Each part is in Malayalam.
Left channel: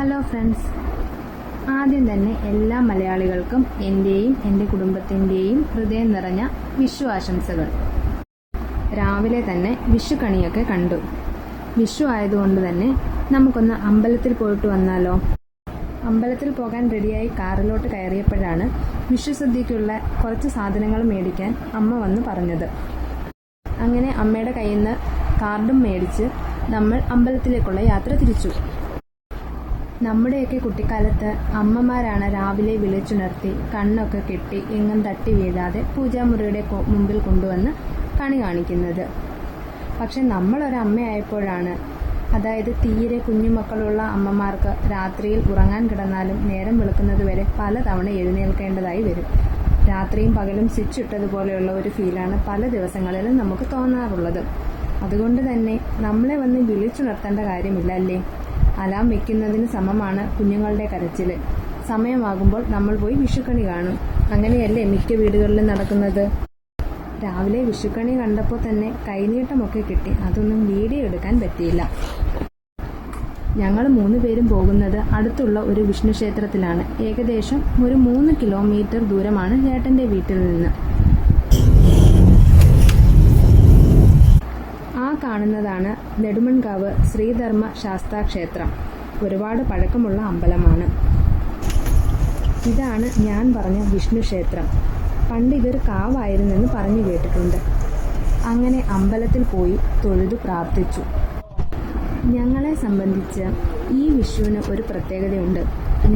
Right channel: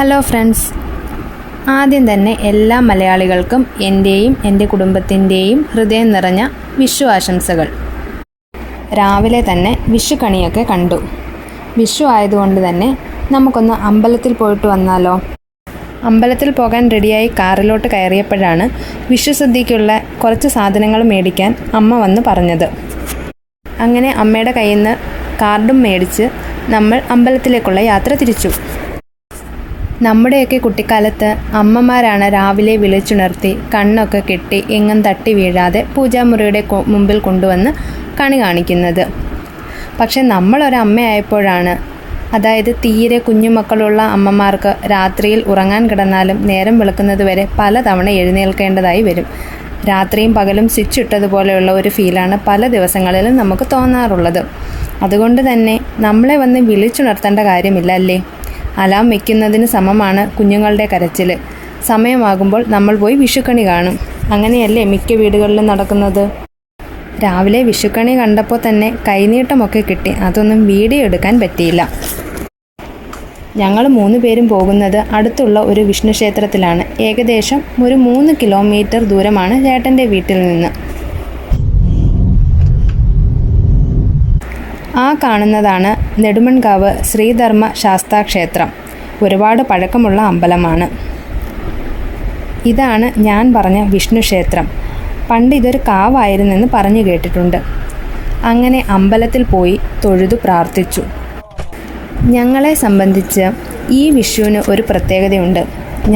ഹലോ ഫ്രണ്ട്സ്, ആദ്യം തന്നെ എല്ലാ മലയാളികൾക്കും എൻ്റെയും എൻ്റെ കുടുംബത്തിൻ്റെയും ഹൃദയം നിറഞ്ഞ വിഷു ആശംസകൾ. രാവിലെ തന്നെ വിഷുക്കണിയൊക്കെ കണ്ടു. വിഷു ആയതുകൊണ്ട് തന്നെ നമുക്കൊന്ന് അമ്പലത്തിൽ പോയിട്ട് വന്നാലോ? അമ്പലത്തിൽ പോകാൻ റെഡിയായി കാറിലോട്ട് കയറിയപ്പോഴാണ് വിഷുസദ്യയ്ക്കുള്ള കുറച്ച് സാധനങ്ങൾ മേടിക്കാൻ അമ്മ വന്ന് പറഞ്ഞത്. അങ്ങനെ അമ്മയുടെ കയ്യിൽ നിന്ന് കാർഡും മേടിച്ച് നമ്മൾ അമ്പലത്തിലേക്കുള്ള യാത്ര തിരിച്ചു. നമ്മുടെയൊക്കെ കുട്ടിക്കാലത്ത് അമ്മമാരാണ് രാവിലെ വിളിച്ചുണർത്തി കണ്ണൊക്കെ കെട്ടി എങ്ങും തട്ടി വീഴാതെ പൂജാമുറിയുടെ മുമ്പിൽ കൊണ്ടുവന്ന് കണി കാണിക്കുന്നത്. പക്ഷെ നമ്മളൊരമ്മയായപ്പോഴാണ്, അതായത് തീരെ കുഞ്ഞുമക്കളുള്ള അമ്മമാർക്ക് രാത്രിയിൽ ഉറങ്ങാൻ കിടന്നാലും നേരം വെളുക്കുന്നത് വരെ പലതവണ എഴുന്നേൽക്കേണ്ടതായി വരും. രാത്രിയും പകലും സ്വിച്ച് ഇട്ടതുപോലെയുള്ള ഒരു ഫീലാണ് പല ദിവസങ്ങളിലും നമുക്ക് തോന്നാറുള്ളത്. അതുകൊണ്ട് തന്നെ നമ്മളെ വന്ന് വിളിച്ചുണർത്തേണ്ട കാര്യമില്ല അല്ലേ? അലാം വയ്ക്കുന്നതിന് സമമാണ് കുഞ്ഞുങ്ങളുടെ കരച്ചിൽ. സമയമാകുമ്പോൾ നമ്മൾ പോയി വിഷുക്കണി കാണും. അങ്ങനെയല്ലേ മിക്ക വീടുകളിലും നടക്കുന്നത്. രാവിലെ വിഷുക്കണി കണ്ടപ്പോൾ തന്നെ കൈനീട്ടമൊക്കെ കിട്ടി. അതൊന്നും വീഡിയോ എടുക്കാൻ പറ്റിയില്ല. ഞങ്ങൾ 3 പേരും പോകുന്നത് അടുത്തുള്ള ഒരു വിഷ്ണു ക്ഷേത്രത്തിലാണ്. ഏകദേശം ഒരു 3 കിലോമീറ്റർ ദൂരമാണ് ചേട്ടൻ്റെ വീട്ടിൽ നിന്ന്. ആ കാണുന്നതാണ് നെടുമൺകാവ് ശ്രീധർമ്മ ശാസ്താ ക്ഷേത്രം. ഒരുപാട് പഴക്കമുള്ള അമ്പലമാണ്. ഇതാണ് ഞാൻ പറഞ്ഞ വിഷ്ണു ക്ഷേത്രം. പണ്ട് ഇതൊരു കാവായിരുന്നെന്ന് പറഞ്ഞു കേട്ടിട്ടുണ്ട്. അങ്ങനെ അമ്പലത്തിൽ പോയി തൊഴുതു പ്രാർത്ഥിച്ചു. ഞങ്ങളെ സംബന്ധിച്ച് ഈ വിഷുവിന് ഒരു പ്രത്യേകതയുണ്ട്.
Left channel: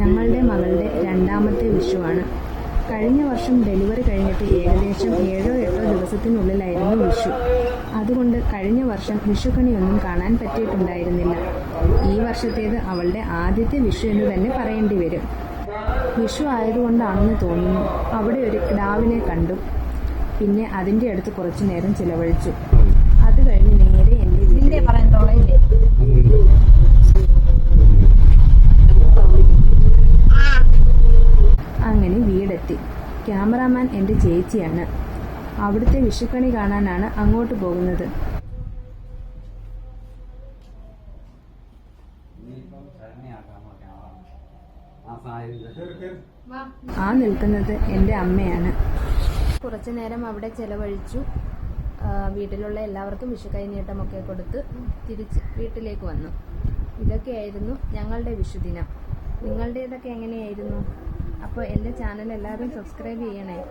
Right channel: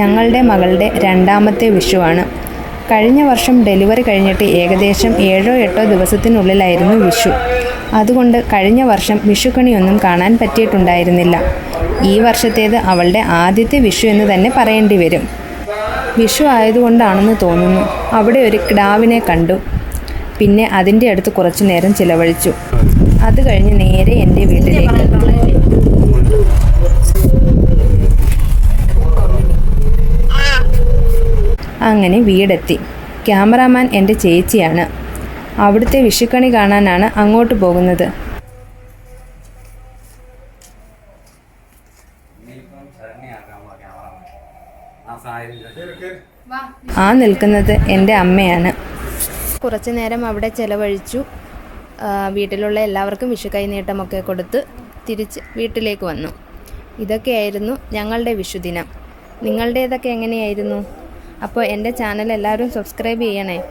ഞങ്ങളുടെ മകളുടെ 2ാമത്തെ വിഷുവാണ്. കഴിഞ്ഞ വർഷം ഡെലിവറി കഴിഞ്ഞിട്ട് ഏകദേശം 7-8 ദിവസത്തിനുള്ളിലായിരുന്നു വിഷു. അതുകൊണ്ട് കഴിഞ്ഞ വർഷം വിഷുക്കണിയൊന്നും കാണാൻ പറ്റിയിട്ടുണ്ടായിരുന്നില്ല. ഈ വർഷത്തേത് അവളുടെ ആദ്യത്തെ വിഷു എന്ന് തന്നെ പറയേണ്ടി വരും. വിഷു ആയതുകൊണ്ടാണെന്ന് തോന്നുന്നു അവിടെ ഒരു കിടാവിനെ കണ്ടു. പിന്നെ അതിൻ്റെ അടുത്ത് കുറച്ചു നേരം ചിലവഴിച്ചു. അത് കഴിഞ്ഞ് നേരെ എൻ്റെ വീട്ടിലേക്ക്. അങ്ങനെ വീടെത്തി. ക്യാമറാമാൻ എൻ്റെ ചേച്ചിയാണ്. അവിടുത്തെ വിഷുക്കണി കാണാനാണ് അങ്ങോട്ട് പോകുന്നത്. ആ നിൽക്കുന്നത് എൻ്റെ അമ്മയാണ്. കുറച്ചു നേരം അവിടെ ചിലവഴിച്ചു. വീട്ടിലുള്ള എല്ലാവർക്കും വിഷു കൈനീട്ടമൊക്കെ കൊടുത്ത് തിരിച്ച് വീട്ടിലേക്ക് വന്നു. ഇതൊക്കെയായിരുന്നു ഞങ്ങളുടെ വിഷുദിനം. നിങ്ങളുടേതൊക്കെ എങ്ങനെയായിരുന്നു? അപ്പോൾ എൻ്റെ ചാനൽ എല്ലാവരും സബ്സ്ക്രൈബ് ചെയ്യണേ.